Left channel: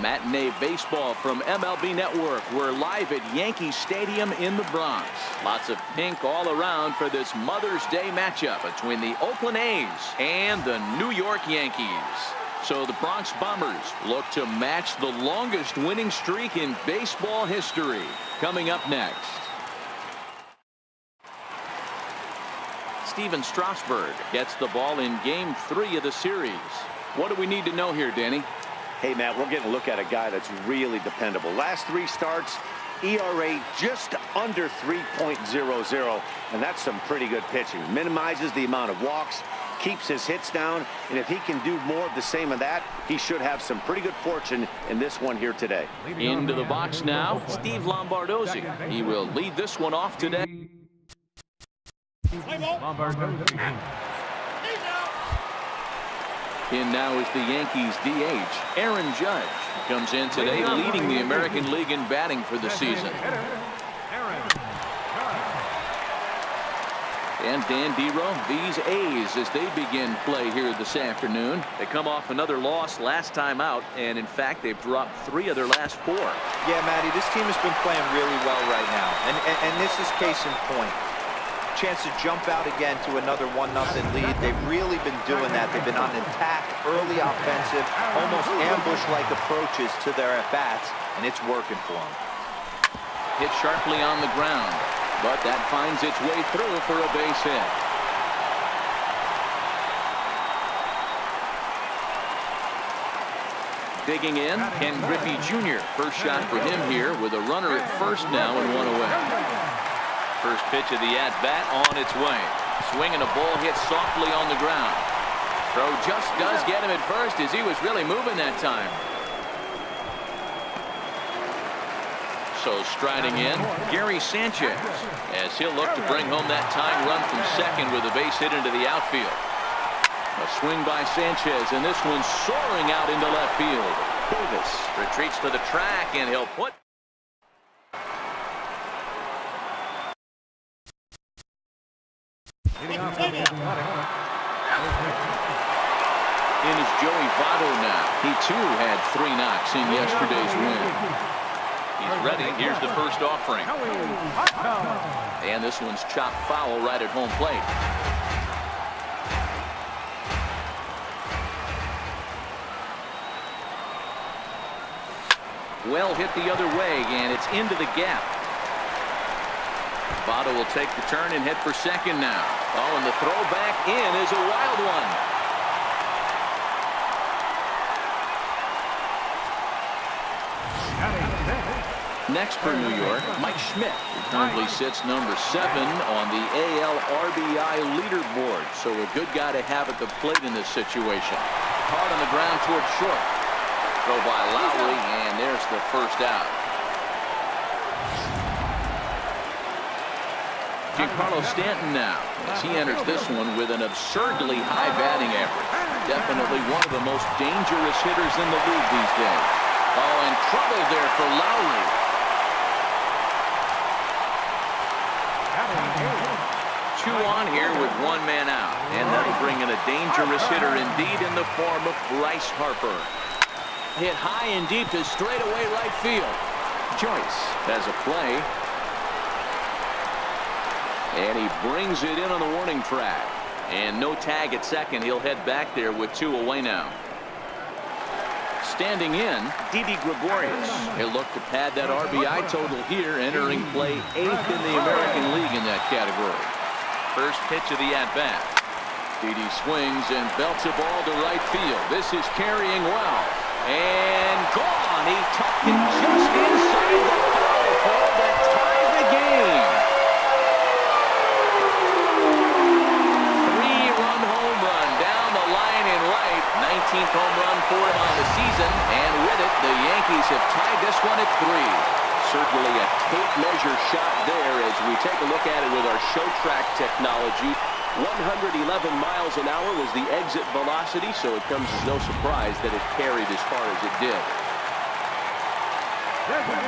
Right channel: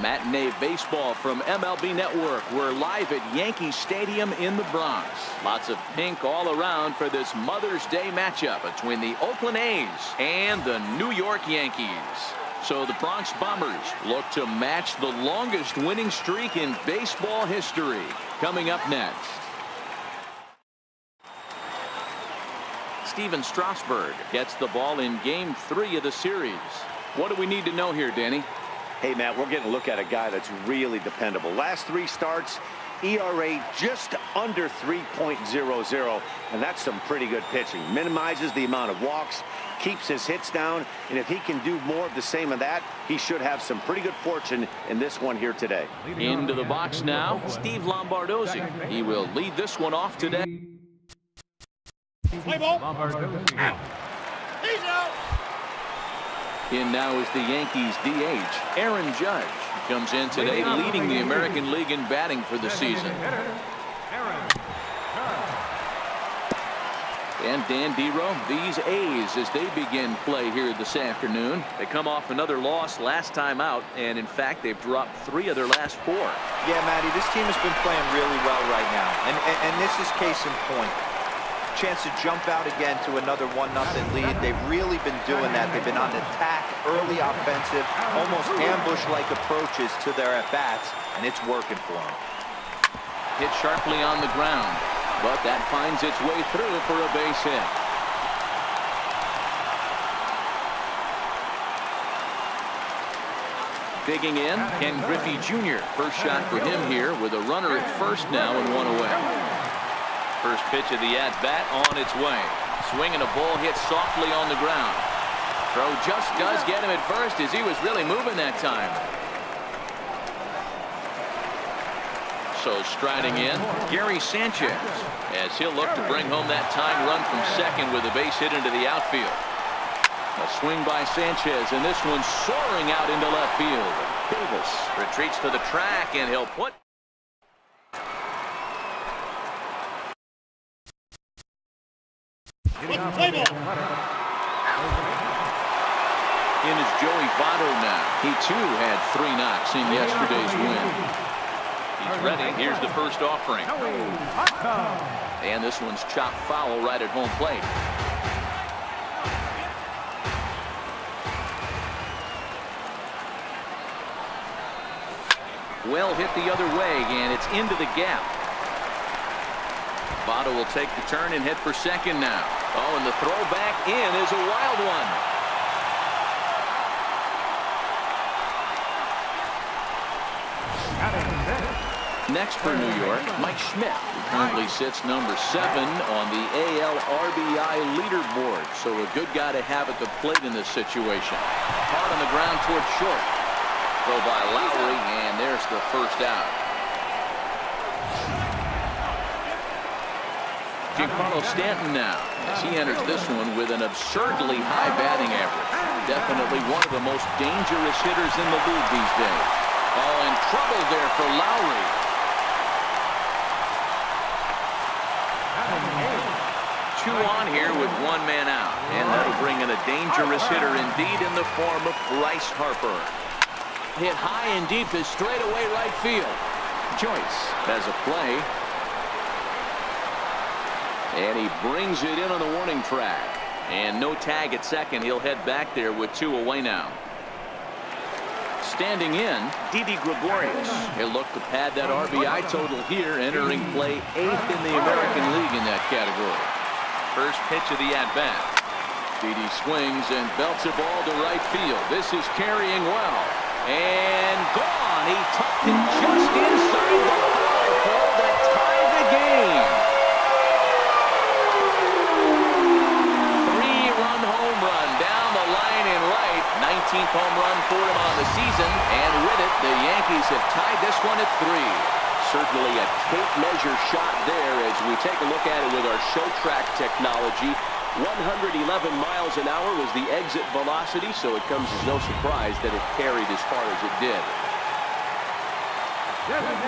Matinee baseball from MLB Network. We're live at Yankee Stadium in the Bronx. Lots of pink all around for this Mother's Day matchup between the Oakland A's and the New York Yankees. So the Bronx Bombers look to match the longest winning streak in baseball history. Coming up next, Steven Strasburg gets the ball in Game 3 of the series. What do we need to know here, Danny? Hey, Matt, we're getting a look at a guy that's really dependable. Last 3 starts, ERA just under 3.00, and that's some pretty good pitching. Minimizes the amount of walks, keeps his hits down, and if he can do more of the same of that, he should have some pretty good fortune in this one here today. Into the box now, Steve Lombardozzi. He will lead this one off today. Lombardozzi. He's out. In now is the Yankees DH, Aaron Judge. Comes in today leading the American League in batting for the season. And Dan Dero, these A's as they begin play here this afternoon. They come off another loss last time out, and in fact they've dropped 3 of their last 4. Yeah, Matty, this team has been playing really well right now, and this is case in point. Chance to jump out again to another 1-0 lead. They've really been doing that. They've been on attack, early offensive, almost ambush-like approaches to their at-bats, and it's working for them. Hit sharply on the ground, but that finds its way through for a base hit. Digging in, Ken Griffey Jr. First shot for him here with a runner at first now and 1 away. First pitch of the at-bat on its way. Swing and a ball hit softly on the ground. Throw just does get him at first as he was really moving that time. So striding in, Gary Sanchez, as he'll look to bring home that tying run from second with a base hit into the outfield. A swing by Sanchez, and this one soaring out into left field. Davis retreats to the track, and he'll put Play ball. in is Joey Votto now. He too had 3 knocks in yesterday's win. He's ready. Here's the first offering. And this one's chopped foul right at home plate. Well hit the other way, and it's into the gap. Votto will take the turn and head for second now. Oh, and the throw back in is a wild one. Next for New York, Mike Schmidt, who currently sits number 7 on the AL RBI leaderboard. So a good guy to have at the plate in this situation. Hard on the ground towards short. Throw by Lowry, and there's the first out. Giancarlo Stanton now, as he enters this one with an absurdly high batting average. Definitely one of the most dangerous hitters in the league these days. Oh, and trouble there for Lowry. Two on here with 1 man out, and that'll bring in a dangerous hitter indeed in the form of Bryce Harper. Hit high and deep to straightaway right field. Joyce has a play. And he brings it in on the warning track. And no tag at second. He'll head back there with 2 away now. Standing in, Didi Gregorius. He'll look to pad that RBI total here, entering play 8th in the American League in that category. First pitch of the at-bat. Didi swings and belts a ball to right field. This is carrying well. And gone. He tucked it just inside the foul pole to tie the game. 3-run home run down the line in right. 19th home run for him on the season. And with it, the Yankees have tied this one at 3. Certainly a tape measure shot there as we take a look at it with our show track technology. 111 miles an hour was the exit velocity, so it comes as no surprise that it carried as far as it did.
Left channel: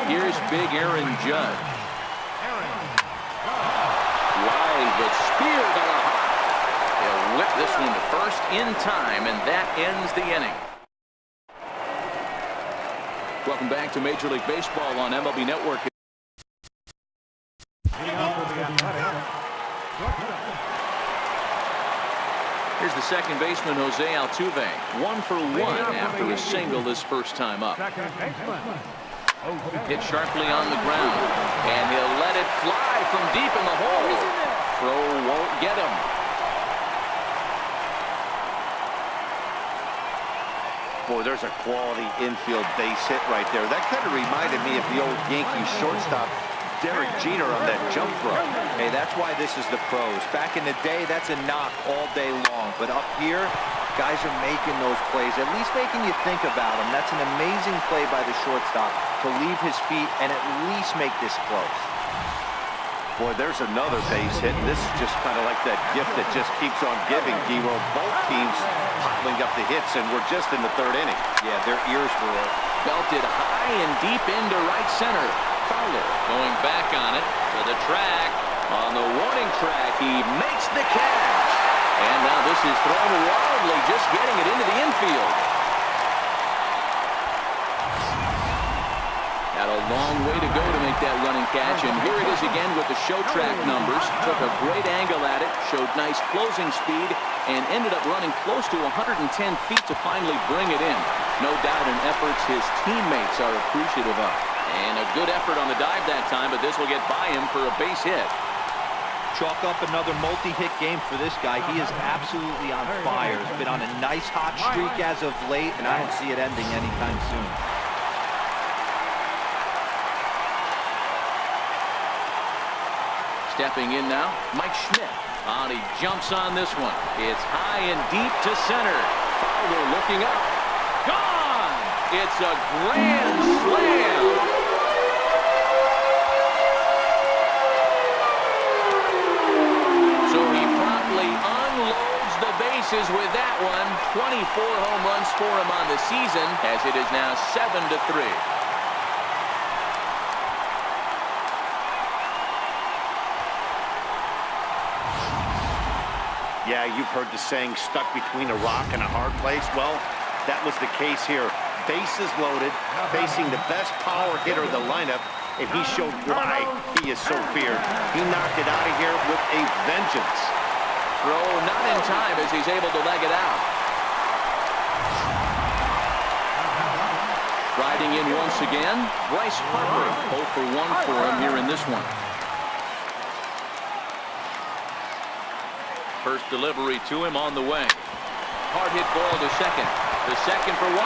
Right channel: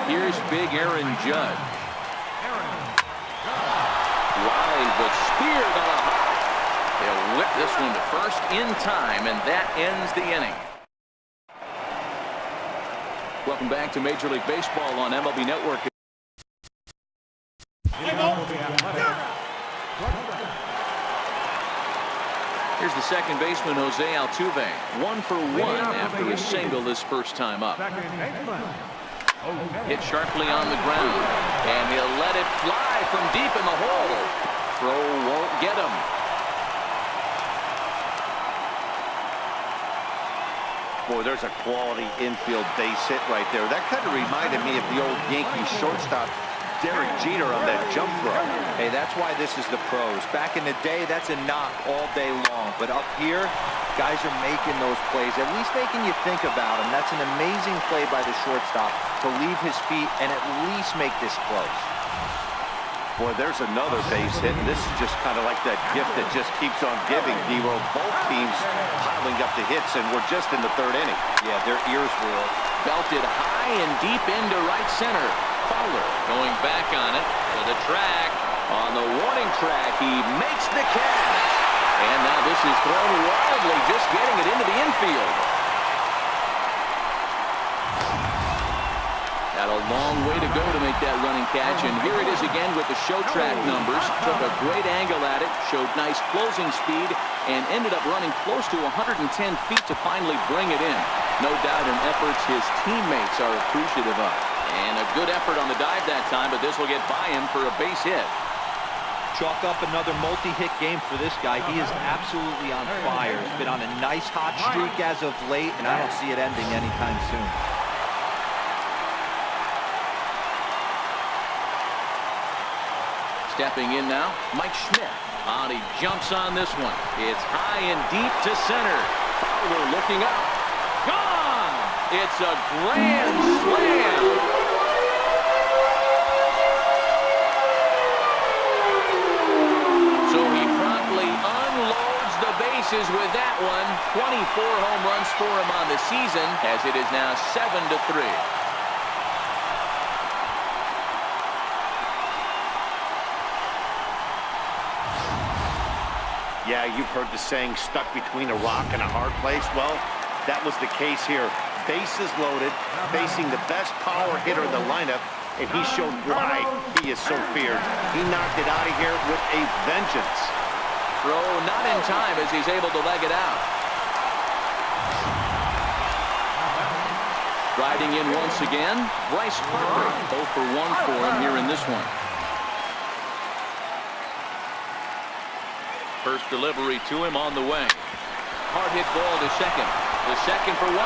Here's big Aaron Judge. Line, but speared on a hop. He'll whip this one to first in time, and that ends the inning. Welcome back to Major League Baseball on MLB Network. Here's the second baseman, Jose Altuve. 1 for 1 after a single this first time up. Hit sharply on the ground, and he'll let it fly from deep in the hole. Throw won't get him. Boy, there's a quality infield base hit right there. That kind of reminded me of the old Yankees shortstop Derek Jeter on that jump throw. Hey, that's why this is the pros. Back in the day, that's a knock all day long. But up here, guys are making those plays, at least making you think about them. That's an amazing play by the shortstop to leave his feet and at least make this close. Boy, there's another base hit, and this is just kind of like that gift that just keeps on giving, D-Roll. Both teams piling up the hits, and we're just in the third inning. Yeah, their ears were open. Belted high and deep into right center. Fowler going back on it to the track. On the warning track, he makes the catch. And now this is thrown wildly, just getting it into the infield. Had a long way to go to make that running catch, and here it is again with the show track numbers. Took a great angle at it, showed nice closing speed, and ended up running close to 110 feet to finally bring it in. No doubt in efforts his teammates are appreciative of. And a good effort on the dive that time, but this will get by him for a base hit. Chalk up another multi-hit game for this guy. He is absolutely on fire. He's been on a nice hot streak as of late, and I don't see it ending anytime soon. Stepping in now, Mike Schmidt. He jumps on this one. It's high and deep to center. Fowler looking up. Gone! It's a grand slam. So he promptly unloads the bases with that one. 24 home runs for him on the season, as it is now 7-3. Yeah, you've heard the saying, stuck between a rock and a hard place. Well, that was the case here. Bases loaded, facing the best power hitter in the lineup, and he showed why he is so feared. He knocked it out of here with a vengeance. Throw not in time as he's able to leg it out. Riding in once again, Bryce Harper. 0 for 1 for him here in this one. First delivery to him on the way. Hard hit ball to second. The second for 1.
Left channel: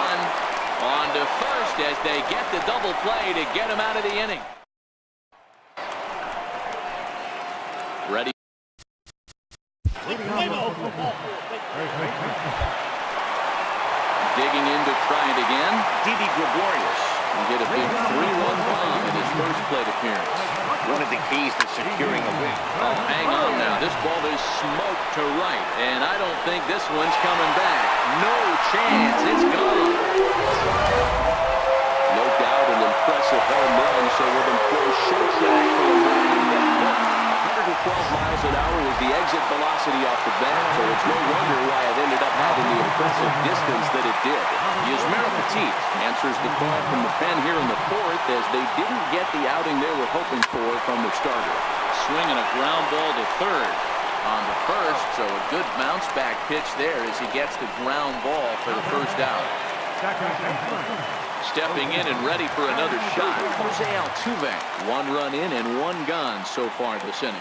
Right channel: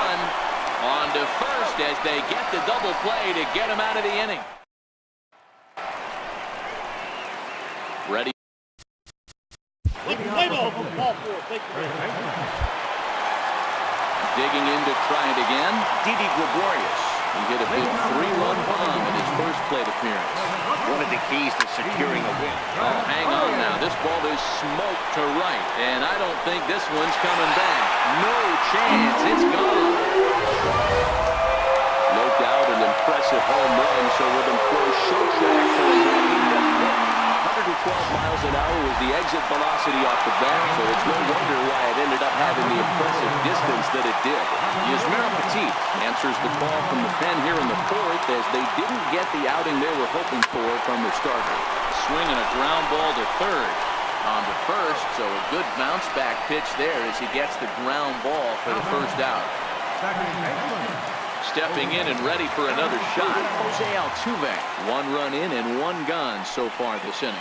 On to first as they get the double play to get him out of the inning. Ready. Digging in to try it again. Didi Gregorius. He hit a big 3-run bomb in his first plate appearance. One of the keys to securing a win. Oh, hang on now. This ball is smoked to right, and I don't think this one's coming back. No chance. It's gone. No doubt an impressive home run, so we'll employ show track for a more in-depth look. 112 miles an hour was the exit velocity off the bat, so it's no wonder why it ended up having the impressive distance that it did. Yusmeiro Petit answers the call from the pen here in the fourth, as they didn't get the outing they were hoping for from their starter. Swinging a ground ball to third. On to first, so a good bounce back pitch there as he gets the ground ball for the first out. Stepping in and ready for another shot, Jose Altuve. 1 run in and 1 gone so far this inning.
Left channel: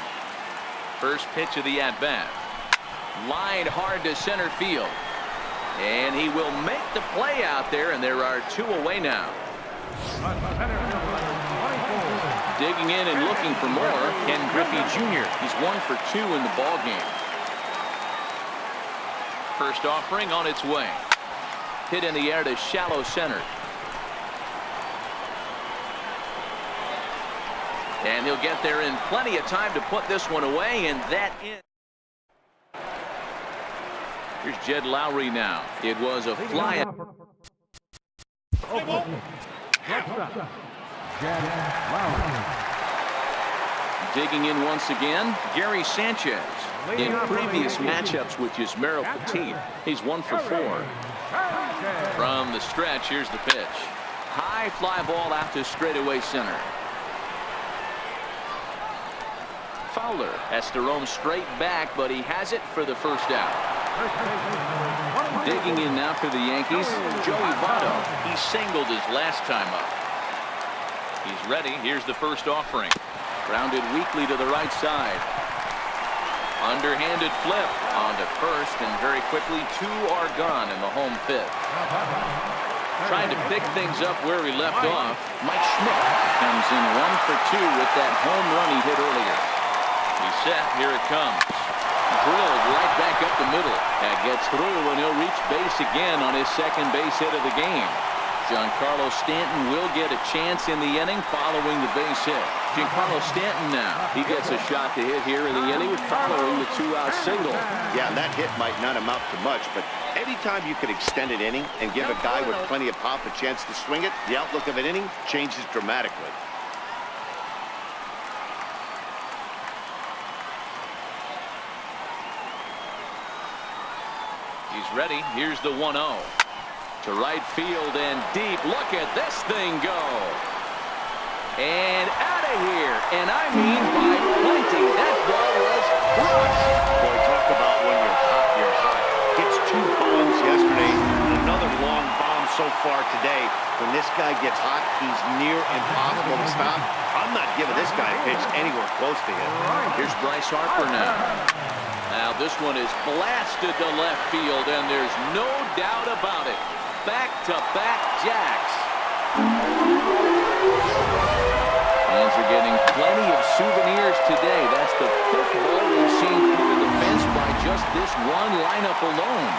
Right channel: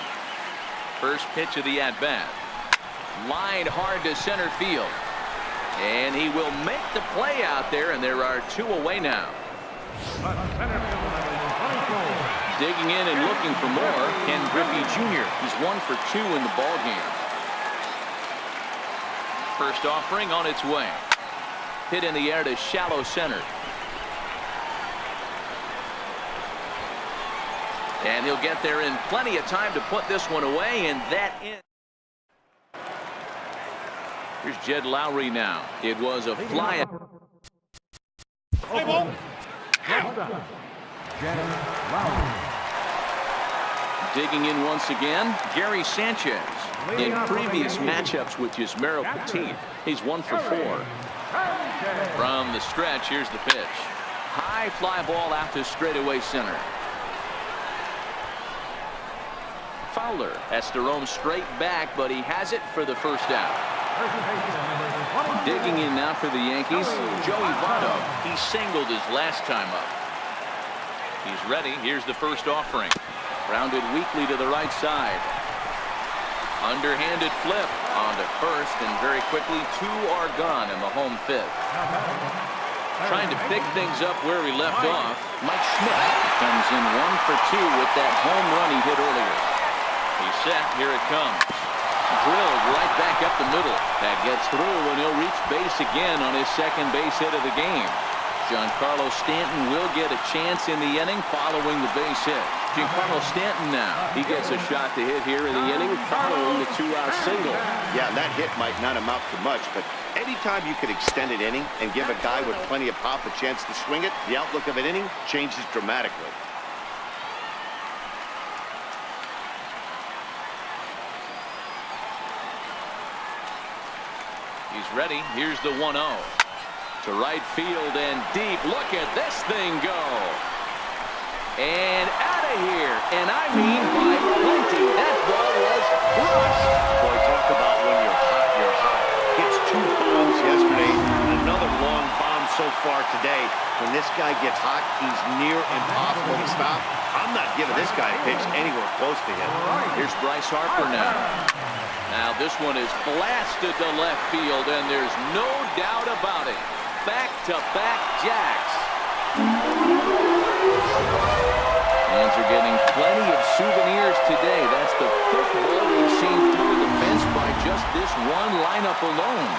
First pitch of the at-bat. Lined hard to center field. And he will make the play out there, and there are 2 away now. Digging in and looking for more, Ken Griffey Jr. He's 1 for 2 in the ballgame. First offering on its way. Hit in the air to shallow center. And he'll get there in plenty of time to put this one away, and that in. Here's Jed Lowry now. It was a fly. Jed Lowry. Digging in once again, Gary Sanchez. In previous matchups with Yusmeiro Petit, he's 1 for 4. From the stretch, here's the pitch. High fly ball out to straightaway center. Fowler has to roam straight back, but he has it for the first out. Digging in now for the Yankees, Joey Votto. He singled his last time up. He's ready. Here's the first offering. Grounded weakly to the right side. Underhanded flip onto first, and very quickly 2 are gone in the home 5th. Trying to pick things up where he left off, Mike Schmidt comes in 1 for 2 with that home run he hit earlier. He's set. Here it comes. Drilled right back up the middle. That gets through, and he'll reach base again on his second base hit of the game. Giancarlo Stanton will get a chance in the inning following the base hit. Giancarlo Stanton now. He gets a shot to hit here in the inning following the 2-out single. Yeah, and that hit might not amount to much, but anytime you could extend an inning and give a guy with plenty of pop a chance to swing it, the outlook of an inning changes dramatically. He's ready. Here's the 1-0. To right field and deep. Look at this thing go. And out of here. And I mean by plenty. That ball was crushed. Boy, talk about when you're hot, you're hot. Gets 2 bombs yesterday. Another long bomb so far today. When this guy gets hot, he's near impossible to stop. I'm not giving this guy a pitch anywhere close to him. Here's Bryce Harper now. Now this one is blasted to left field, and there's no doubt about it. Back-to-back jacks. Fans are getting plenty of souvenirs today. That's the 5th ball we've seen clear the fence by just this one lineup alone.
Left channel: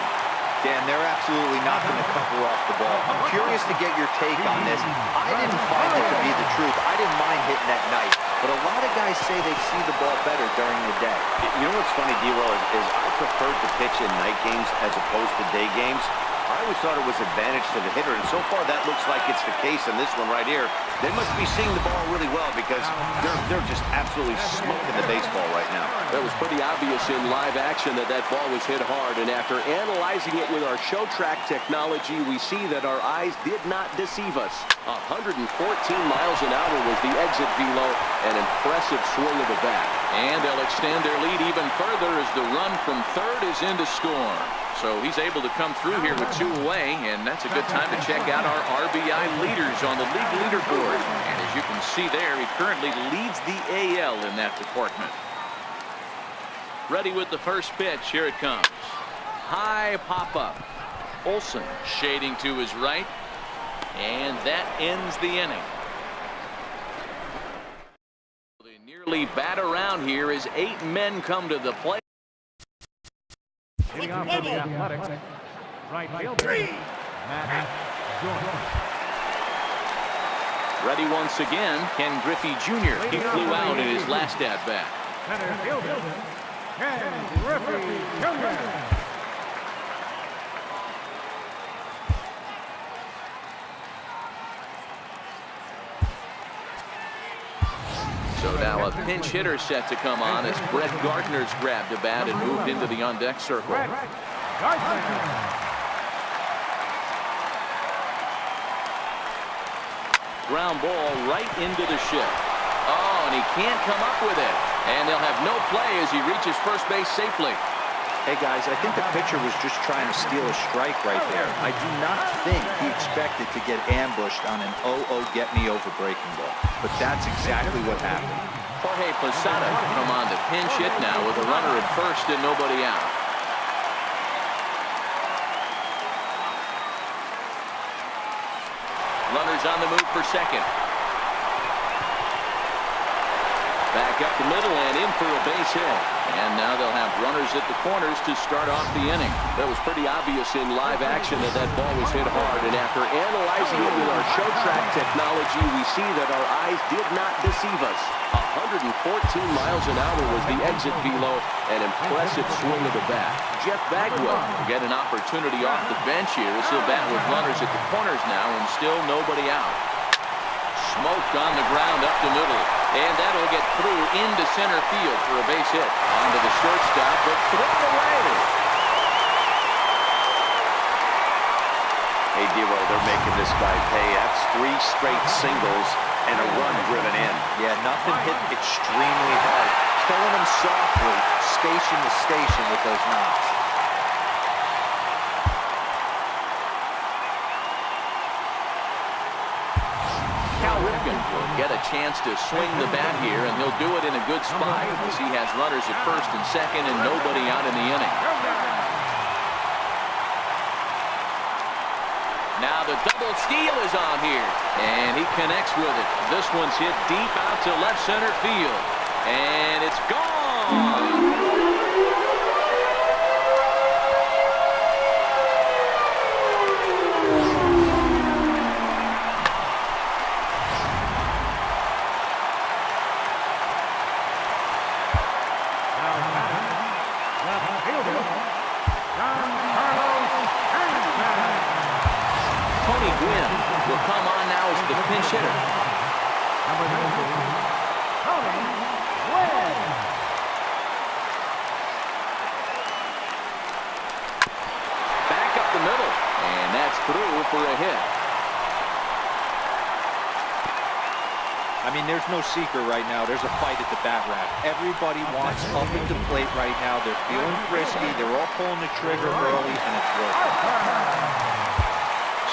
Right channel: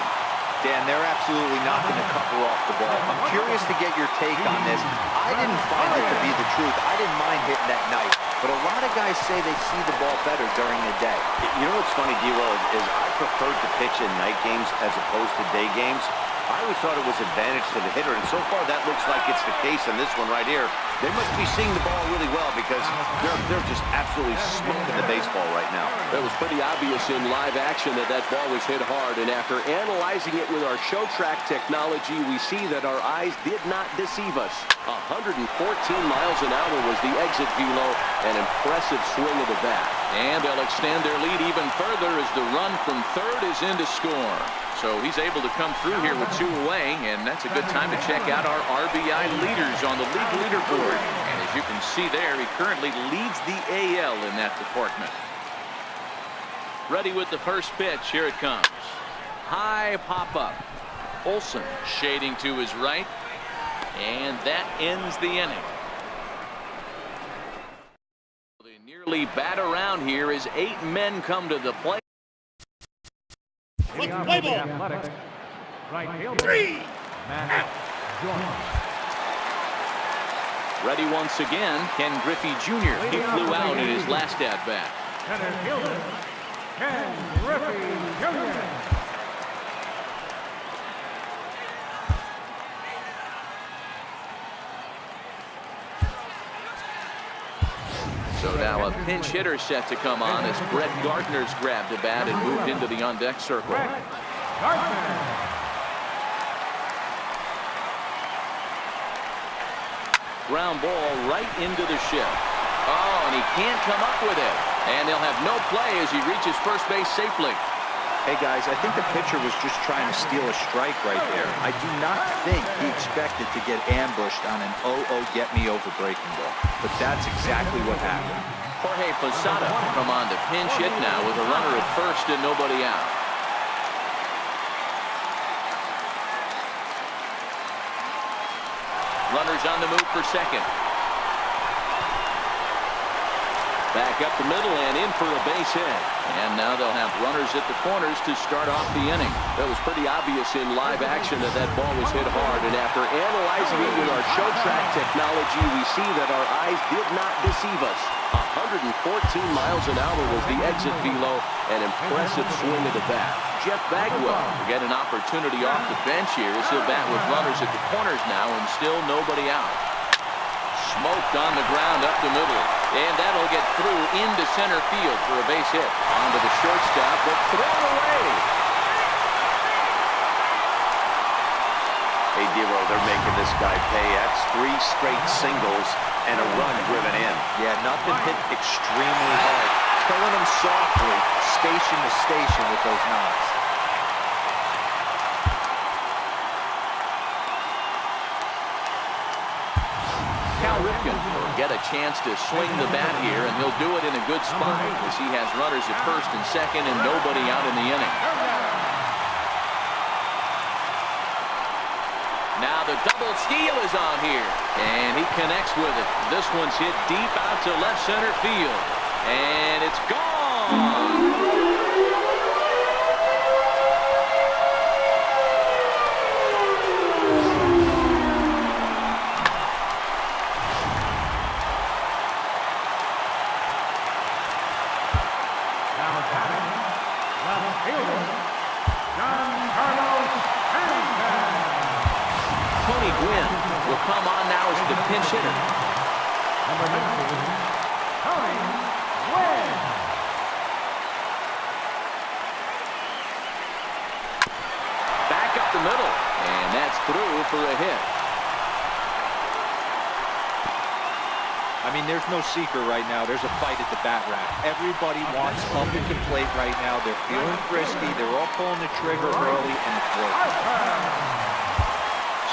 Dan, they're absolutely not going to cover off the ball. I'm curious to get your take on this. I didn't find it to be the truth. I didn't mind hitting that night. But a lot of guys say they see the ball better during the day. You know what's funny, D-Roll, is I preferred to pitch in night games as opposed to day games. I always thought it was advantage to the hitter, and so far that looks like it's the case in this one right here. They must be seeing the ball really well because they're just absolutely smoking the baseball right now. It was pretty obvious in live action that that ball was hit hard, and after analyzing it with our show track technology, we see that our eyes did not deceive us. 114 miles an hour was the exit velo, an impressive swing of the bat. And they'll extend their lead even further as the run from third is in to score. So he's able to come through here with 2 away, and that's a good time to check out our RBI leaders on the league leaderboard. And as you can see there, he currently leads the AL in that department. Ready with the first pitch. Here it comes. High pop-up. Olsen shading to his right, and that ends the inning. They nearly bat around here as 8 men come to the plate. Leading off for the Athletics, right fielder, Matt Joyce. Ready once again, Ken Griffey Jr. He flew out in his last at-bat. Center fielder, Ken Griffey Jr. So now a pinch hitter set to come on as Brett Gardner's grabbed a bat and moved into the on-deck circle. Brett Gardner. Ground ball right into the shift. Oh, and he can't come up with it. And they'll have no play as he reaches first base safely. Hey, guys, I think the pitcher was just trying to steal a strike right there. I do not think he expected to get ambushed on an 0-0 get-me-over breaking ball. But that's exactly what happened. Jorge Posada come on to pinch hit now with a runner at first and nobody out. Runners on the move for second. Back up the middle and in for a base hit. And now they'll have runners at the corners to start off the inning. It was pretty obvious in live action that that ball was hit hard, and after analyzing it with our show track technology, we see that our eyes did not deceive us. 114 miles an hour was the exit velo, an impressive swing of the bat. Jeff Bagwell will get an opportunity off the bench here as he'll bat with runners at the corners now and still nobody out. Smoked on the ground up the middle, and that'll get through into center field for a base hit. Onto the shortstop, but thrown away. Hey, Dero, they're making this guy pay. That's 3 straight singles and a run driven in. Yeah, nothing hit extremely hard. Killing him softly, station to station with those knocks. Cal Ripken will get a chance to swing the bat here, and he'll do it in a good spot as he has runners at first and second and nobody out in the inning. Now the double steal is on here, and he connects with it. This one's hit deep out to left center field, and it's gone. Now batting, left fielder, Giancarlo Stanton. Tony Gwynn will come on now as the pinch hitter. Number 19, Tony Gwynn. Back up the middle, and that's through for a hit. I mean, there's no secret right now. There's a fight at the bat rack. Everybody wants up at the plate right now. They're feeling frisky. They're all pulling the trigger early, and it's working.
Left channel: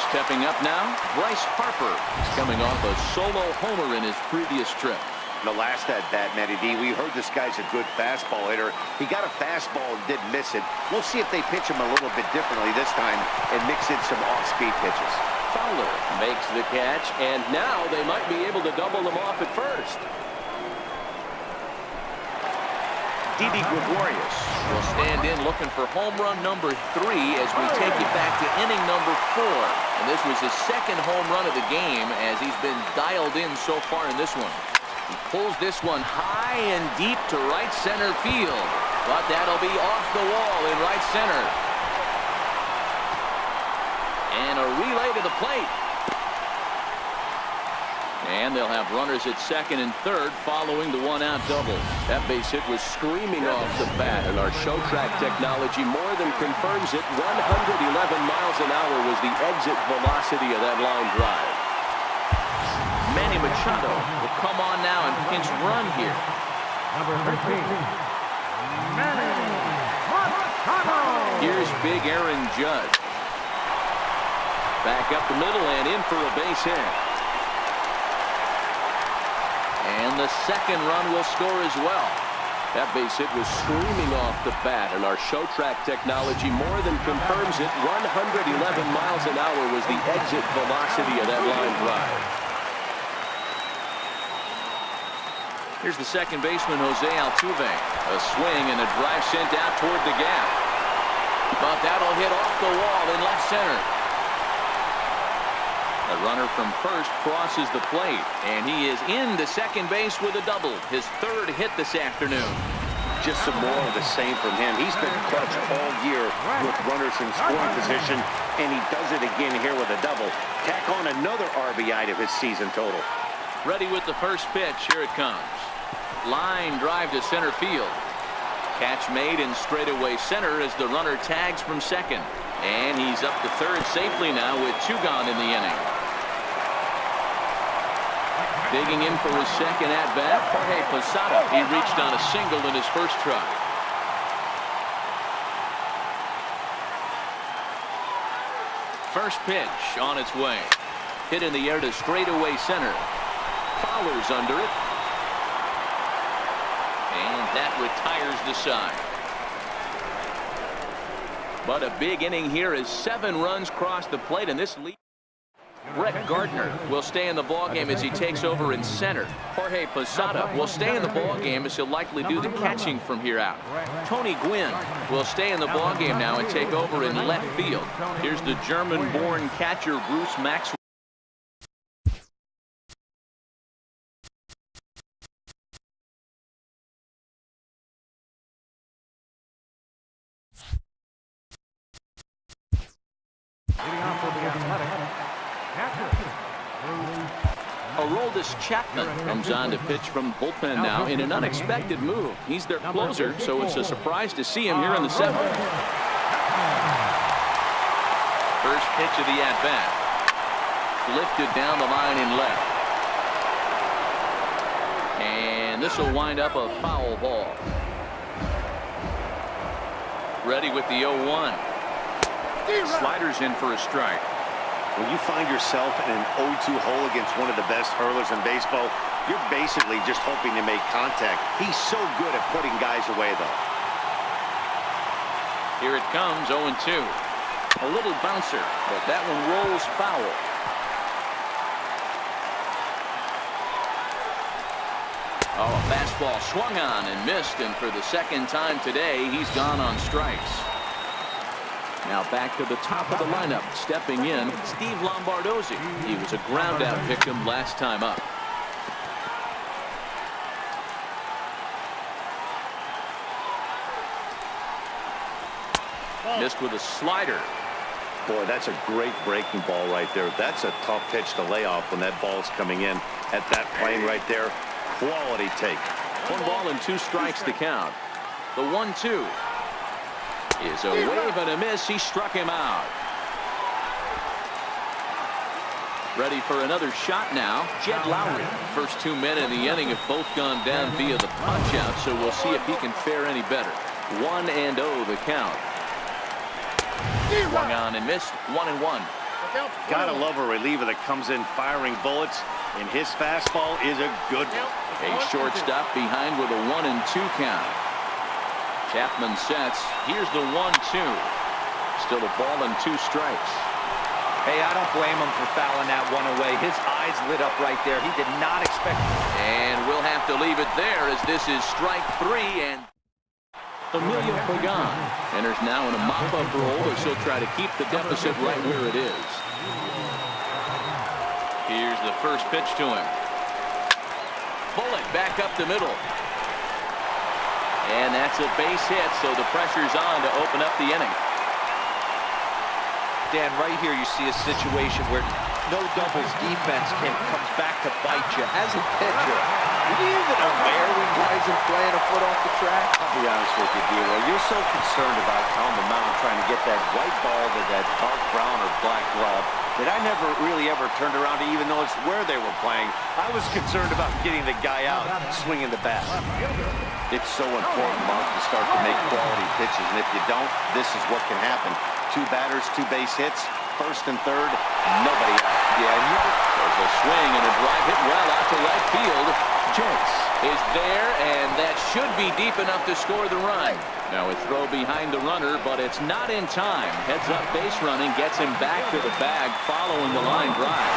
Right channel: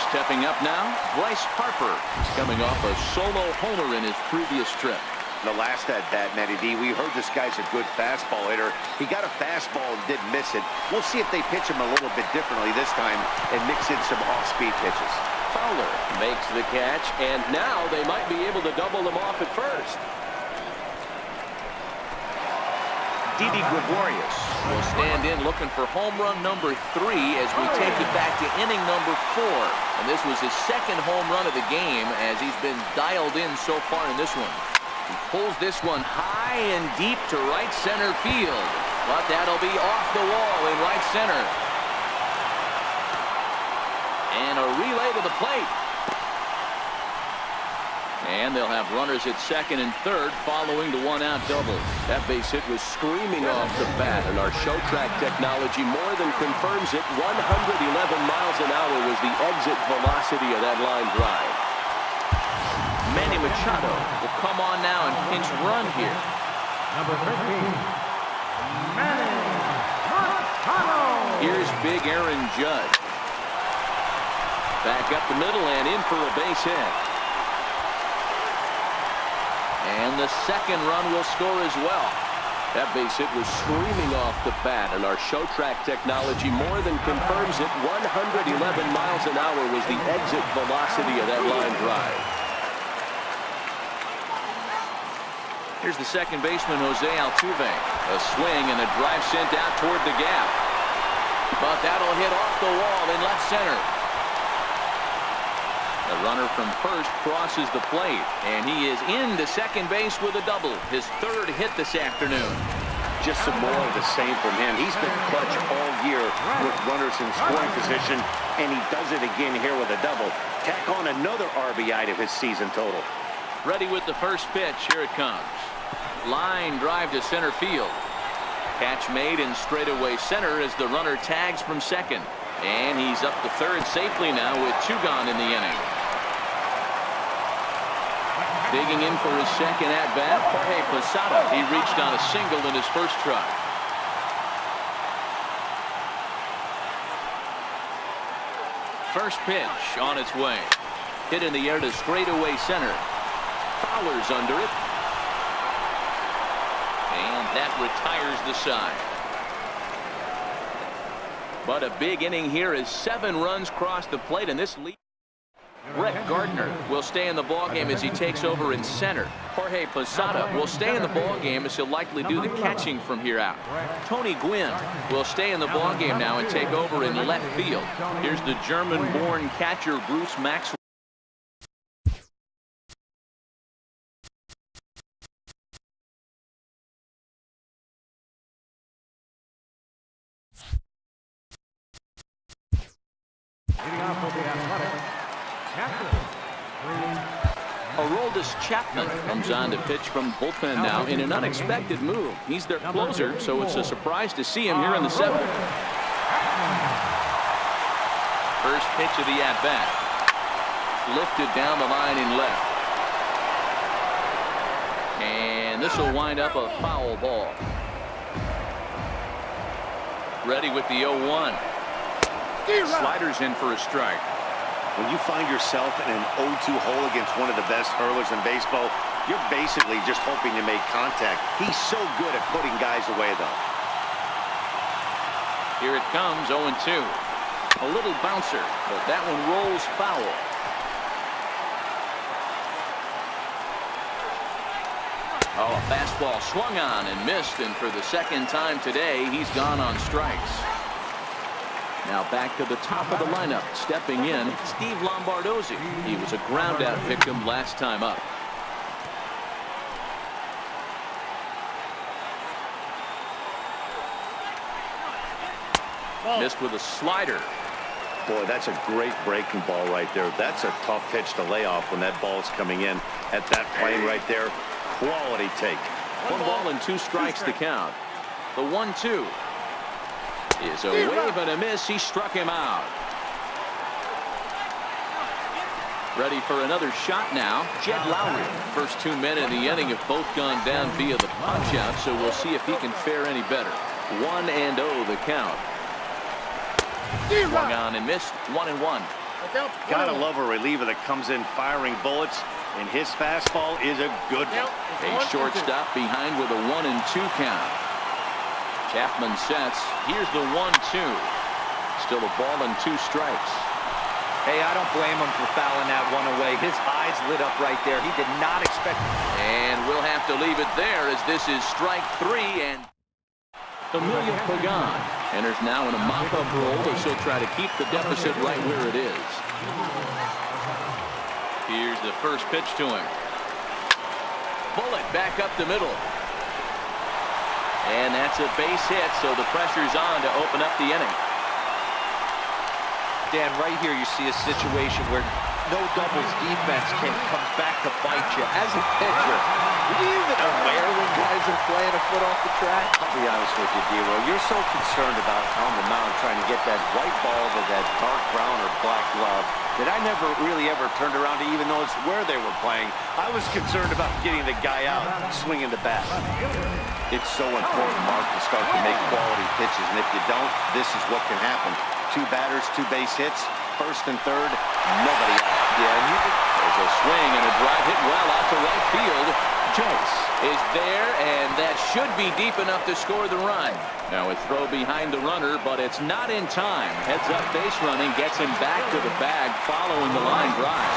Stepping up now, Bryce Harper. He's coming off a solo homer in his previous trip. The last at bat, Matty D, we heard this guy's a good fastball hitter. He got a fastball and didn't miss it. We'll see if they pitch him a little bit differently this time and mix in some off-speed pitches. Fowler makes the catch, and now they might be able to double them off at first. Didi Gregorius will stand in looking for home run number 3 as we take you back to inning number 4. And this was his second home run of the game as he's been dialed in so far in this one. He pulls this one high and deep to right center field, but that'll be off the wall in right center. And a relay to the plate. And they'll have runners at second and third following the one-out double. That base hit was screaming off the bat, and our show track technology more than confirms it. 111 miles an hour was the exit velocity of that line drive. Manny Machado will come on now and pinch run here. Number 13, Manny Machado. Here's big Aaron Judge. Back up the middle and in for a base hit. And the second run will score as well. That base hit was screaming off the bat, and our show track technology more than confirms it. 111 miles an hour was the exit velocity of that line drive. Here's the second baseman, Jose Altuve. A swing and a drive sent out toward the gap. But that'll hit off the wall in left center. The runner from first crosses the plate, and he is into second base with a double. His third hit this afternoon. Just some more of the same from him. He's been clutch all year with runners in scoring position, and he does it again here with a double. Tack on another RBI to his season total. Ready with the first pitch. Here it comes. Line drive to center field. Catch made in straightaway center as the runner tags from second. And he's up to third safely now with 2 gone in the inning. Digging in for his second at-bat, Jorge Posada. He reached on a single in his first try. First pitch on its way. Hit in the air to straightaway center. Fowler's under it. And that retires the side. But a big inning here as 7 runs cross the plate, and this lead. Brett Gardner will stay in the ballgame as he takes over in center. Jorge Posada will stay in the ballgame as he'll likely do the catching from here out. Tony Gwynn will stay in the ballgame now and take over in left field. Here's the German-born catcher Bruce Maxwell. Leading off for the Athletic, catcher, Aroldis Chapman comes on to pitch from bullpen now in an unexpected move. He's their closer, so it's a surprise to see him here in the 7th. First pitch of the at-bat. Lifted down the line in left. And this will wind up a foul ball. Ready with the 0-1. Sliders in for a strike. When you find yourself in an 0-2 hole against one of the best hurlers in baseball, you're basically just hoping to make contact. He's so good at putting guys away, though. Here it comes, 0-2. A little bouncer, but that one rolls foul. Oh, a fastball swung on and missed, and for the second time today, he's gone on strikes. Now back to the top of the lineup, stepping in, Steve Lombardozzi. He was a ground-out victim last time up. Missed with a slider. Boy, that's a great breaking ball right there. That's a tough pitch to lay off when that ball's coming in at that plane right there. Quality take. 1 ball and 2 strikes to count. The 1-2 is a wave and a miss. He struck him out. Ready for another shot now, Jed Lowry. First 2 men in the inning have both gone down via the punch out, so we'll see if he can fare any better. 1-0 the count. Swung on and missed. 1-1. Gotta love a reliever that comes in firing bullets, and his fastball is a good one. A shortstop behind with a 1-2 count. Chapman sets. Here's the 1-2. Still a ball and 2 strikes. Hey, I don't blame him for fouling that one away. His eyes lit up right there. He did not expect. And we'll have to leave it there, as this is strike 3, and Emilio Pagan enters now in a mop-up role as he'll try to keep the deficit right where it is. Here's the first pitch to him. Bullet back up the middle. And that's a base hit, so the pressure's on to open up the inning. Dan, right here you see a situation where no doubles defense comes back to bite you. As a pitcher, are you even aware when guys are playing a foot off the track? I'll be honest with you, D-Roy. You're so concerned about on the mound trying to get that white ball to that dark brown or black glove that I never really ever turned around to even notice where they were playing. I was concerned about getting the guy out, swinging the bat. It's so important, Mark, to start to make quality pitches, and if you don't, this is what can happen. 2 batters, 2 base hits, first and third, nobody out. Yeah, and there's a swing and a drive hit well out to right field. Joyce is there, and that should be deep enough to score the run. Now a throw behind the runner, but it's not in time. Heads up base running, gets him back to the bag following the line drive.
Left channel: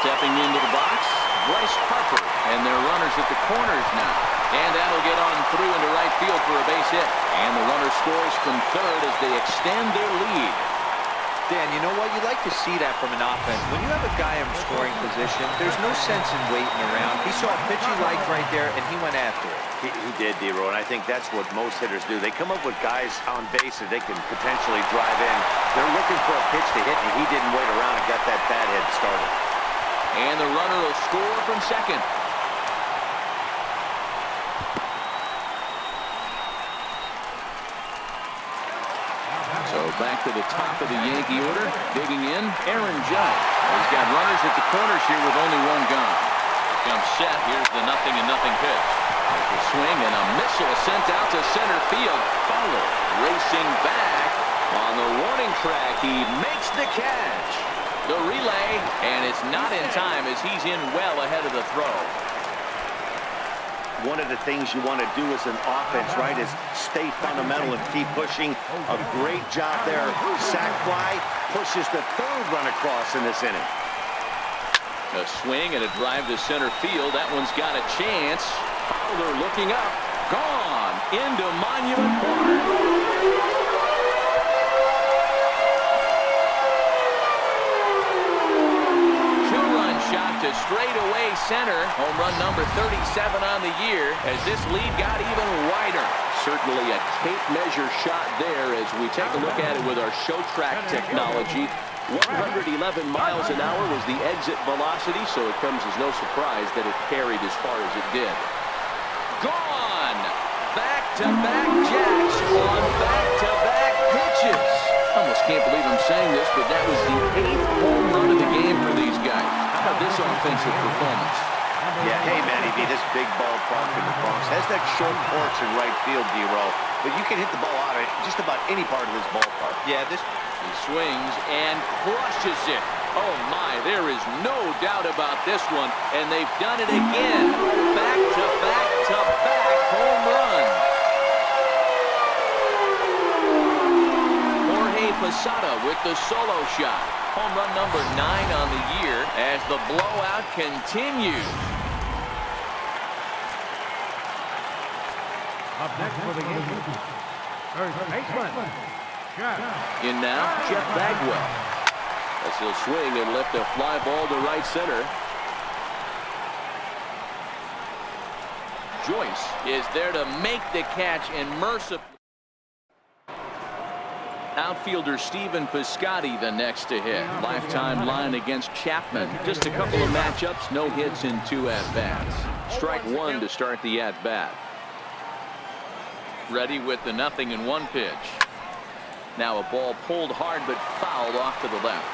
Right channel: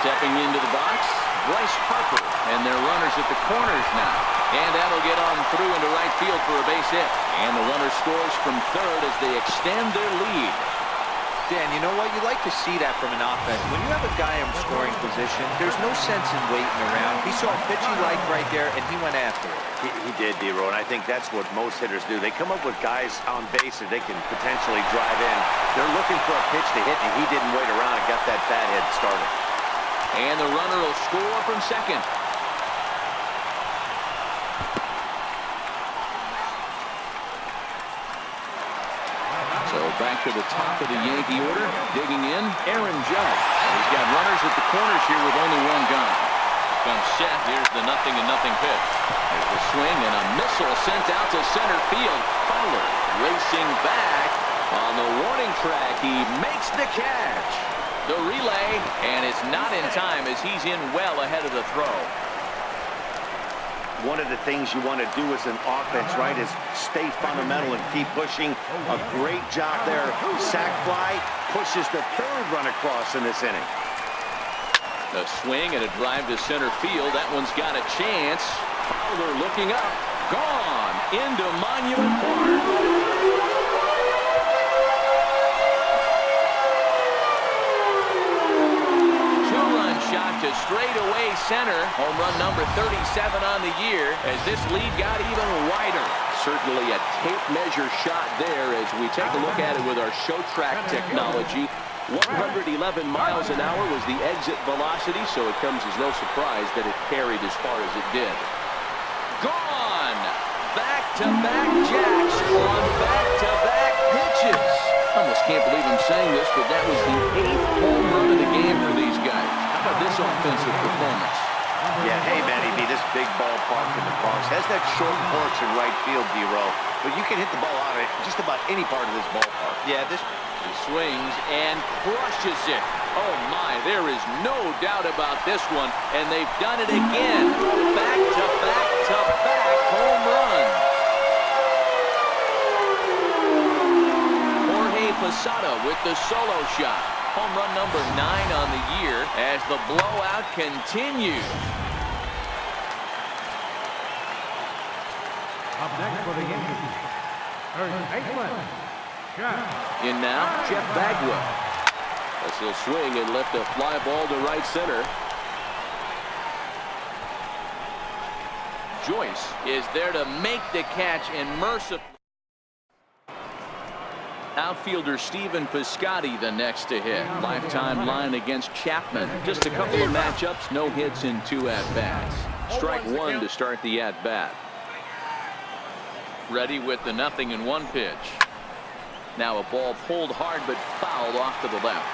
Stepping into the box, Bryce Harper, and their runners at the corners now. And that'll get on through into right field for a base hit. And the runner scores from third as they extend their lead. Dan, you know what? You like to see that from an offense. When you have a guy in scoring position, there's no sense in waiting around. He saw a pitch he liked right there, and he went after it. He did, D-Roy, and I think that's what most hitters do. They come up with guys on base that they can potentially drive in. They're looking for a pitch to hit, and he didn't wait around and got that bat head started. And the runner will score from second. So back to the top of the Yankee order, digging in, Aaron Judge. He's got runners at the corners here with only 1 gone. Here comes set. Here's the 0-0 pitch. There's the swing and a missile sent out to center field. Fowler racing back on the warning track. He makes the catch. The relay, and it's not in time as he's in well ahead of the throw. One of the things you want to do as an offense, right, is stay fundamental and keep pushing. A great job there. Sac fly pushes the 3rd run across in this inning. A swing and a drive to center field. That one's got a chance. Fowler looking up. Gone into Monument Park. Shot to straightaway center. Home run number 37 on the year as this lead got even wider. Certainly a tape measure shot there as we take a look at it with our show track technology. 111 miles an hour was the exit velocity, so it comes as no surprise that it carried as far as it did. Gone! Back-to-back jacks on back-to-back pitches. Almost can't believe I'm saying this, but that was the 8th home run of the game for these guys. How about this offensive performance? Yeah, hey, Manny B, this big ballpark in the Bronx has that short porch in right field, D-Row, but you can hit the ball out of just about any part of this ballpark. Yeah, He swings and crushes it. Oh, my, there is no doubt about this one, and they've done it again. Back-to-back-to-back home runs. Jorge Posada with the solo shot. Home run number 9 on the year as the blowout continues. Up next for the Yankees, third baseman, Jeff. In now, Jeff Bagwell. As he'll swing and lift a fly ball to right center. Joyce is there to make the catch and mercifully. Outfielder Stephen Piscotty the next to hit. Lifetime line against Chapman. Just a couple of matchups, no hits in 2 at-bats. Strike 1 to start the at-bat. Ready with the 0-1 pitch. Now a ball pulled hard but fouled off to the left.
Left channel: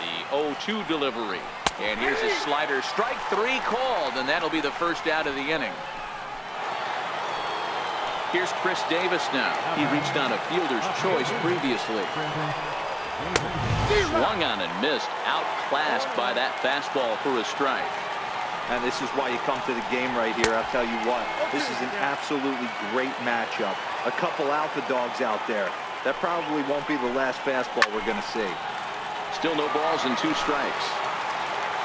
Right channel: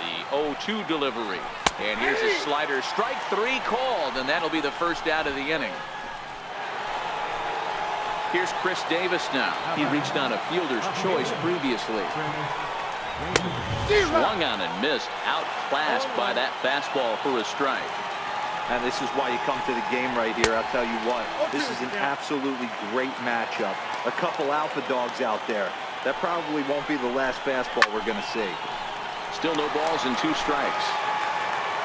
The 0-2 delivery. And here's a slider. Strike 3 called, and that'll be the first out of the inning. Here's Chris Davis now. He reached on a fielder's choice previously. Swung on and missed. Outclassed by that fastball for a strike. And this is why you come to the game right here. I'll tell you what, this is an absolutely great matchup. A couple alpha dogs out there. That probably won't be the last fastball we're going to see. Still no balls and 2 strikes.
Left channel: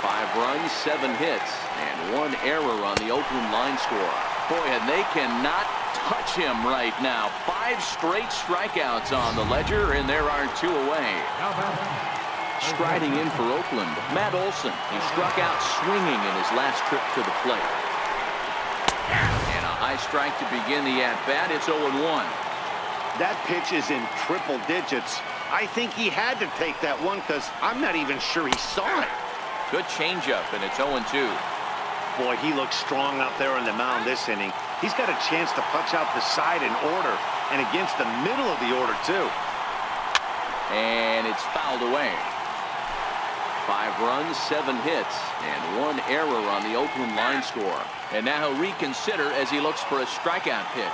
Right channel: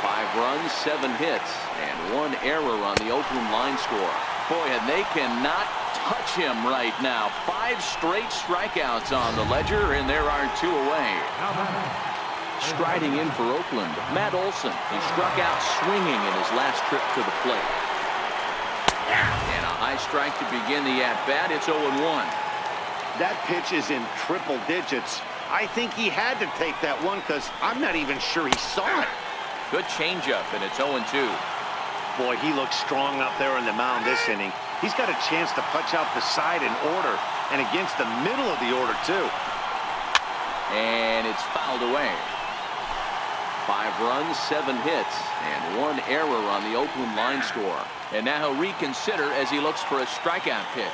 5 runs, 7 hits, and 1 error on the Oakland line score. Boy, and they cannot touch him right now. 5 straight strikeouts on the ledger, and there are 2 away. Striding in for Oakland, Matt Olson. He struck out swinging in his last trip to the plate. And a high strike to begin the at-bat. It's 0-1. That pitch is in triple digits. I think he had to take that one because I'm not even sure he saw it. Good changeup, and it's 0-2. Boy, he looks strong out there on the mound this inning. He's got a chance to punch out the side in order, and against the middle of the order, too. And it's fouled away. 5 runs, 7 hits, and 1 error on the Oakland line score. And now he'll reconsider as he looks for a strikeout pitch.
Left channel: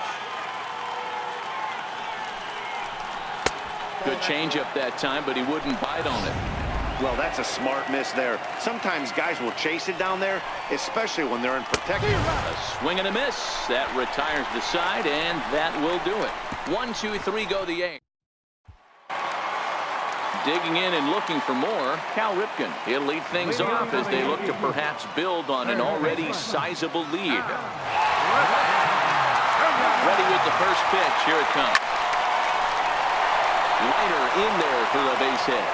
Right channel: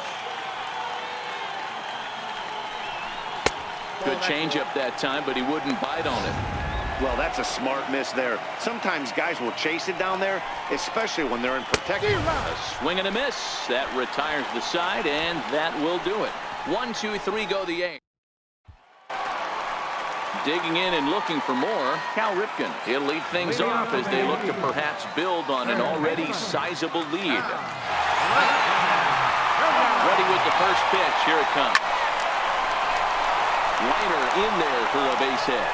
Good changeup that time, but he wouldn't bite on it. Well, that's a smart miss there. Sometimes guys will chase it down there, especially when they're in protection. A swing and a miss. That retires the side, and that will do it. 1, 2, 3 go the Yankees. Digging in and looking for more, Cal Ripken. He'll lead things off as they look to perhaps build on an already sizable lead. Ready with the first pitch. Here it comes. Liner in there for a base hit.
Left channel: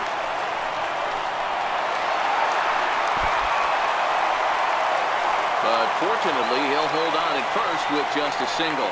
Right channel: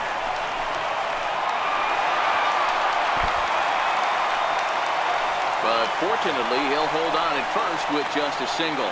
But fortunately, he'll hold on at first with just a single.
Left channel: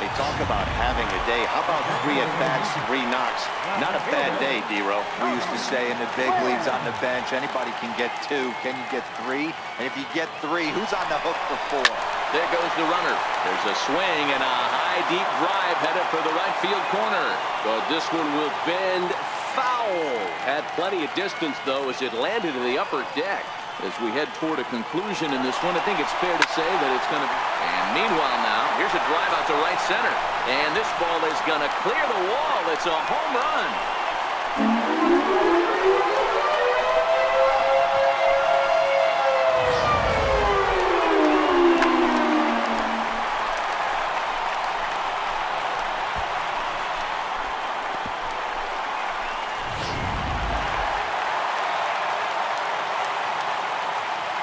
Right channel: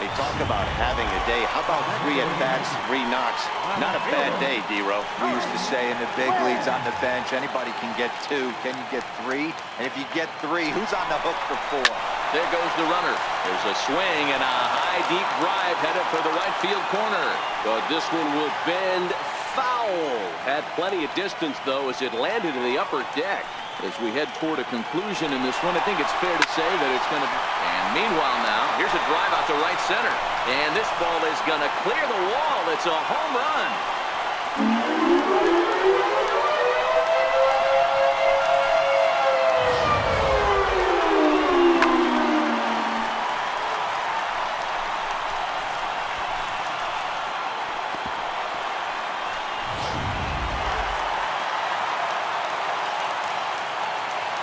They talk about having a day. How about 3 at-bats, 3 knocks? Not a bad day, D-Row. We used to say in the big leagues on the bench, anybody can get 2. Can you get 3? And if you get 3, who's on the hook for 4? There goes the runner. There's a swing and a high, deep drive headed for the right field corner. But this one will bend foul. Had plenty of distance, though, as it landed in the upper deck. As we head toward a conclusion in this one, I think it's fair to say that it's going to be. And meanwhile now, here's a drive out to right center. And this ball is going to clear the wall. It's a home run.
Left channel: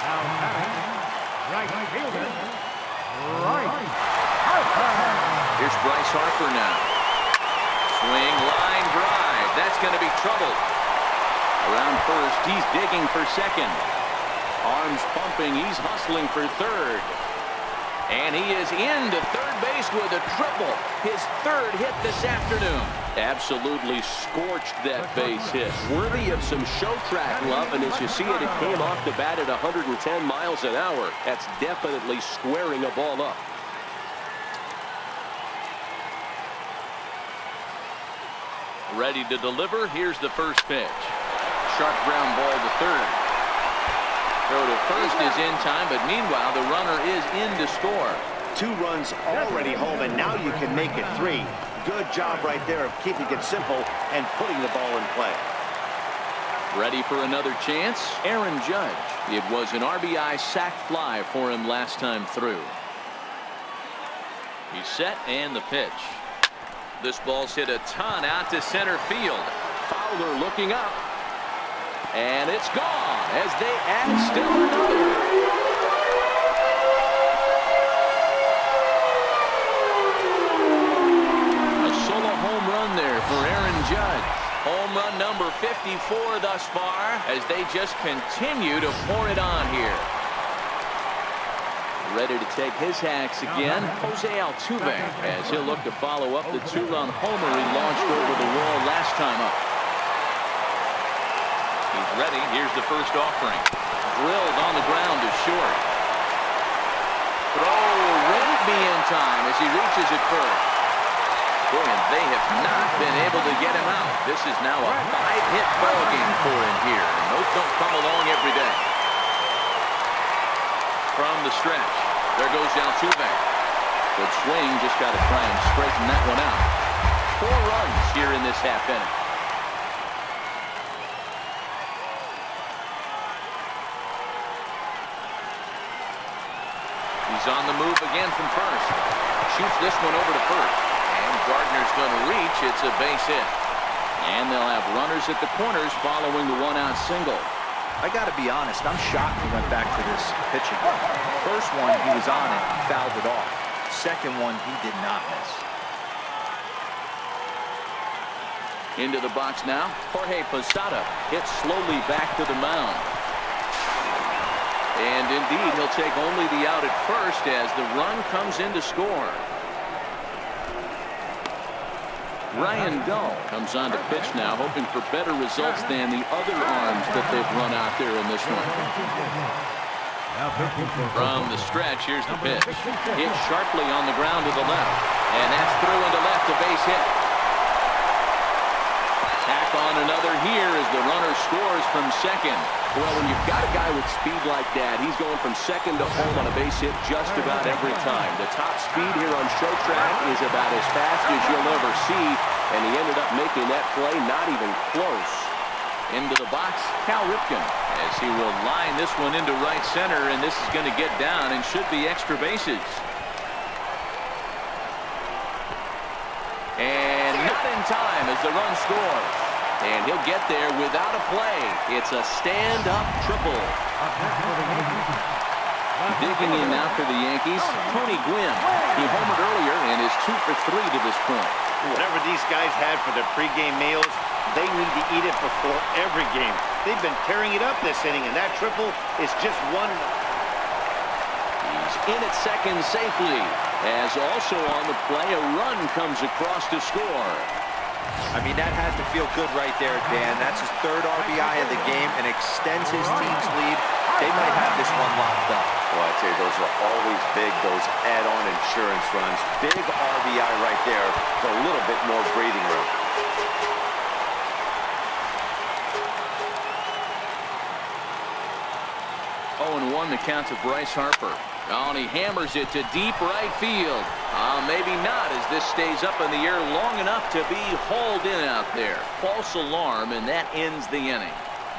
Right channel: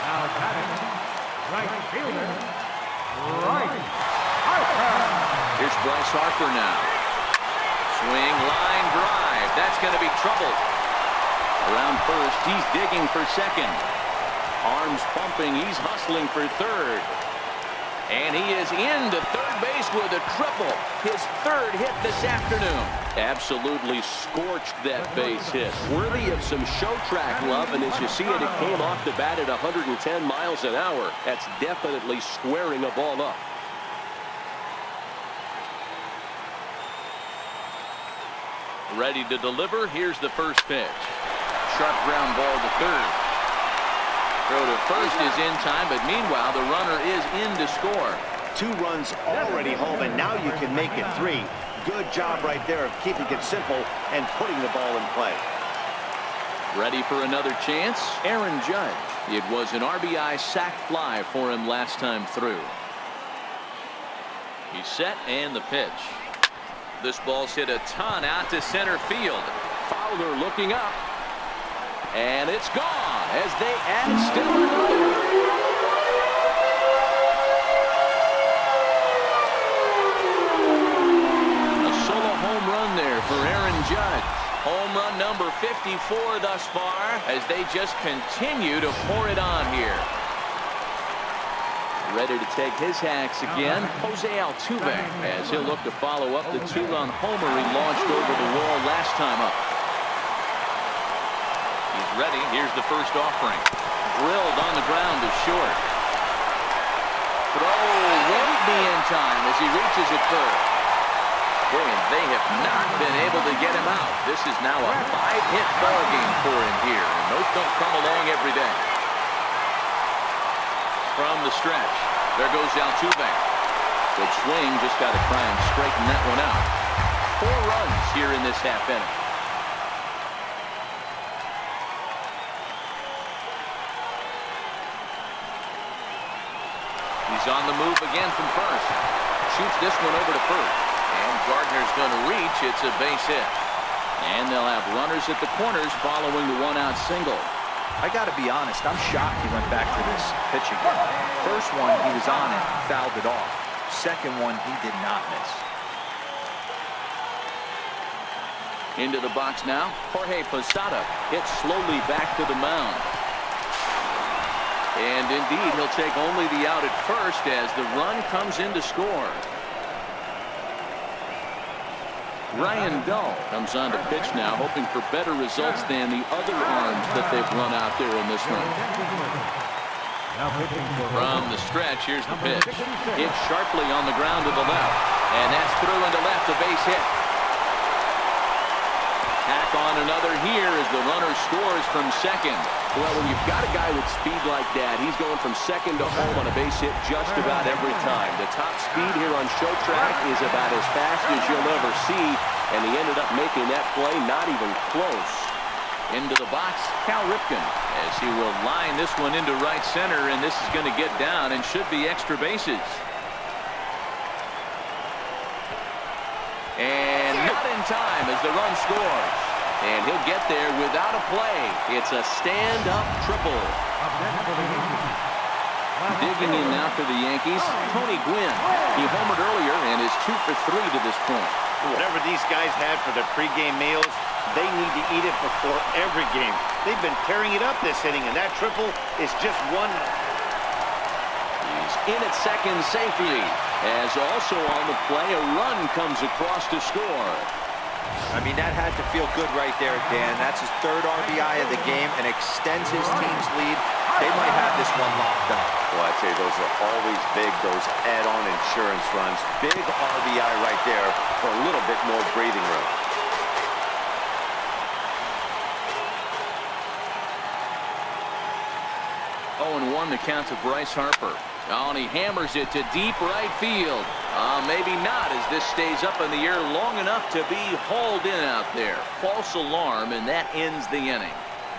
Now batting, right fielder, Bryce Harper. Here's Bryce Harper now. Swing, line drive. That's going to be trouble. Around first, he's digging for second. Arms pumping, he's hustling for third. And he is into third base with a triple. His 3rd hit this afternoon. Absolutely scorched that base hit. Worthy of some show track love, and as you see it, it came off the bat at 110 miles an hour. That's definitely squaring a ball up. Ready to deliver. Here's the first pitch. Sharp ground ball to third. Throw to first is in time, but meanwhile the runner is in to score. 2 runs already home, and now you can make it 3. Good job right there of keeping it simple and putting the ball in play. Ready for another chance. Aaron Judge. It was an RBI sac fly for him last time through. He's set, and the pitch. This ball's hit a ton out to center field. Fowler looking up. And it's gone as they add still another. A solo home run there for Aaron Judge. Home run number 54 thus far as they just continue to pour it on here. Ready to take his hacks again, Jose Altuve, as he'll look to follow up the 2-run homer he launched over the wall last time up. He's ready. Here's the first offering. Drilled on the ground to short. Throw won't be in time as he reaches it first. Boy, and they have not been able to get him out. This is now a 5-hit ball game for him here, and those don't come along every day. From the stretch, there goes Altuve. Good swing, just got to try and straighten that one out. 4 runs here in this half inning. He's on the move again from first. Shoots this one over to first. And Gardner's going to reach. It's a base hit. And they'll have runners at the corners following the 1-out single. I got to be honest, I'm shocked he went back to this pitch again. First one, he was on it, fouled it off. Second one, he did not miss. Into the box now. Jorge Posada hits slowly back to the mound. And indeed, he'll take only the out at first as the run comes in to score. Ryan Dull comes on to pitch now, hoping for better results than the other arms that they've run out there in this one. From the stretch, here's the pitch. Hit sharply on the ground to the left. And that's through into left, a base hit. Tack on another here as the runner scores from second. Well, when you've got a guy with speed like that, he's going from second to home on a base hit just about every time. The top speed here on show track is about as fast as you'll ever see, and he ended up making that play not even close. Into the box, Cal Ripken, as he will line this one into right center, and this is going to get down and should be extra bases. And not in time as the run scores. And he'll get there without a play. It's a stand-up triple. Digging in now for the Yankees, Tony Gwynn. He homered earlier and is 2 for 3 to this point. Whatever these guys had for their pregame meals, they need to eat it before every game. They've been tearing it up this inning, and that triple is just one. He's in at second safely, as also on the play, a run comes across to score. I mean, that had to feel good right there, Dan. That's his 3rd RBI of the game and extends his team's lead. They might have this one locked up. Well, I'd say those are always big, those add-on insurance runs. Big RBI right there for a little bit more breathing room. Oh, and 1 the count to Bryce Harper. Oh, and he hammers it to deep right field. Maybe not, as this stays up in the air long enough to be hauled in out there. False alarm, and that ends the inning.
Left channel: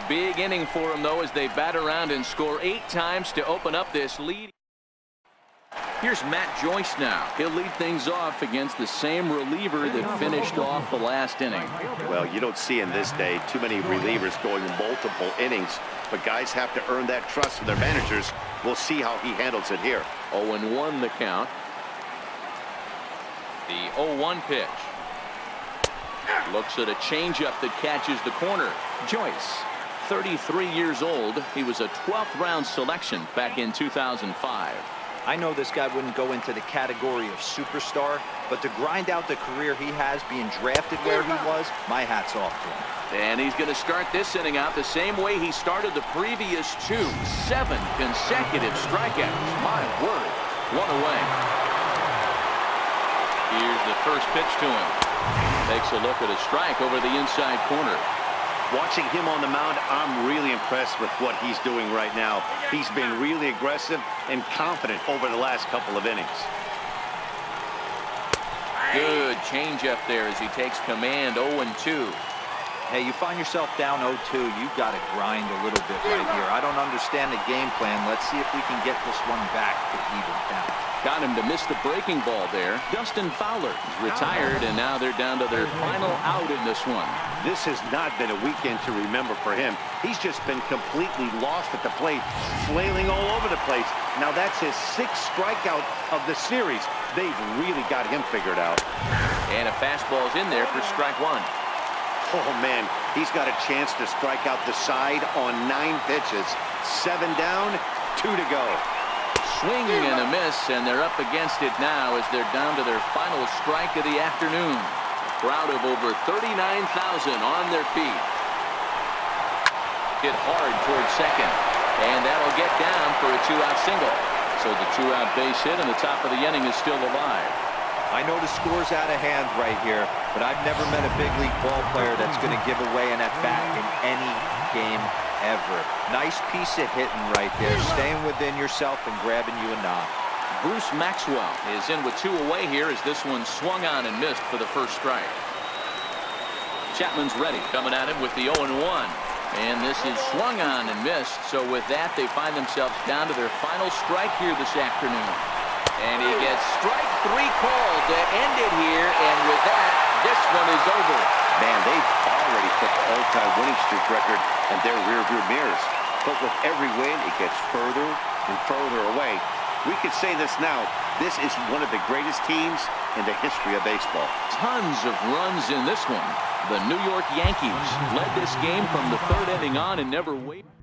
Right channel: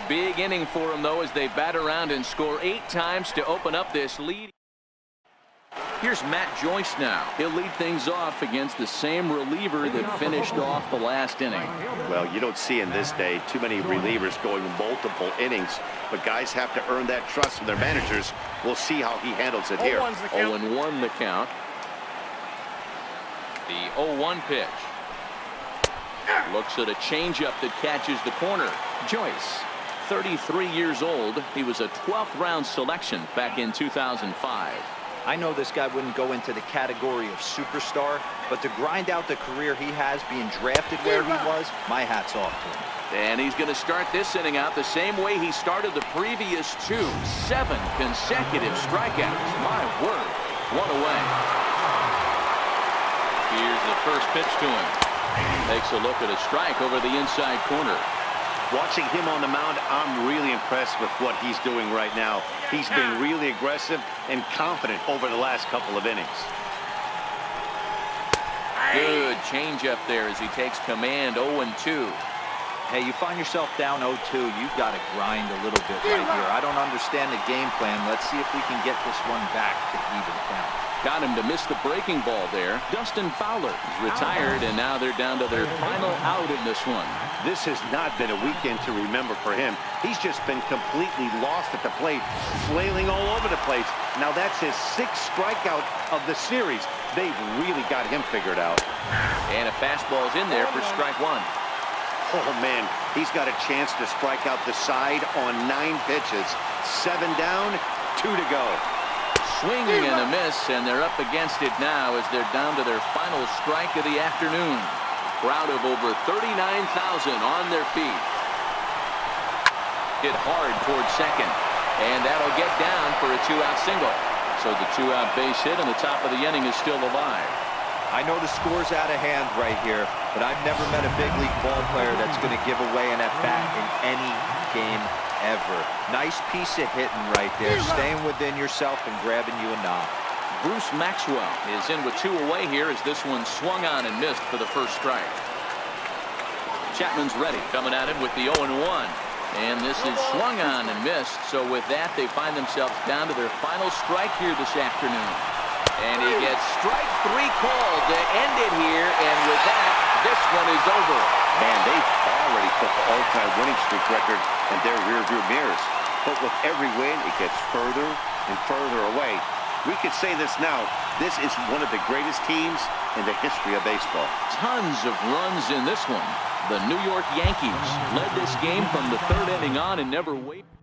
Big inning for him, though, as they bat around and score 8 times to open up this lead. Here's Matt Joyce now. He'll lead things off against the same reliever that finished off the last inning. Well, you don't see in this day too many relievers going multiple innings, but guys have to earn that trust from their managers. We'll see how he handles it here. 0-1 the count. The 0-1 pitch. Looks at a changeup that catches the corner. Joyce, 33 years old. He was a 12th round selection back in 2005. I know this guy wouldn't go into the category of superstar, but to grind out the career he has being drafted where he was, my hat's off to him. And he's going to start this inning out the same way he started the previous 2. 7 consecutive strikeouts. My word. 1 away. Here's the first pitch to him. Takes a look at a strike over the inside corner. Watching him on the mound, I'm really impressed with what he's doing right now. He's been really aggressive and confident over the last couple of innings. Good changeup there as he takes command. 0-2. Hey, you find yourself down 0-2, you've got to grind a little bit right here. I don't understand the game plan. Let's see if we can get this one back to even count. Got him to miss the breaking ball there. Dustin Fowler is retired, and now they're down to their final out in this one. This has not been a weekend to remember for him. He's just been completely lost at the plate, flailing all over the place. Now that's his 6th strikeout of the series. They've really got him figured out. And a fastball's in there for strike 1. Oh, man, he's got a chance to strike out the side on 9 pitches. 7 down, 2 to go. Swing and a miss, and they're up against it now as they're down to their final strike of the afternoon. Crowd of over 39,000 on their feet. Hit hard towards second, and that'll get down for a 2-out single. So the 2-out base hit and the top of the inning is still alive. I know the score's out of hand right here, but I've never met a big league ball player that's going to give away an at-bat in any game ever. Nice piece of hitting right there, staying within yourself and grabbing you a knock. Bruce Maxwell is in with 2 away here as this one swung on and missed for the first strike. Chapman's ready, coming at him with the 0-1. And this is swung on and missed. So with that, they find themselves down to their final strike here this afternoon. And he gets strike 3 called to end it here. And with that, this one is over. Man, they've already put the all-time winning streak record in their rearview mirrors. But with every win, it gets further and further away. We could say this now. This is one of the greatest teams in the history of baseball. Tons of runs in this one. The New York Yankees led this game from the 3rd inning on and never wavered.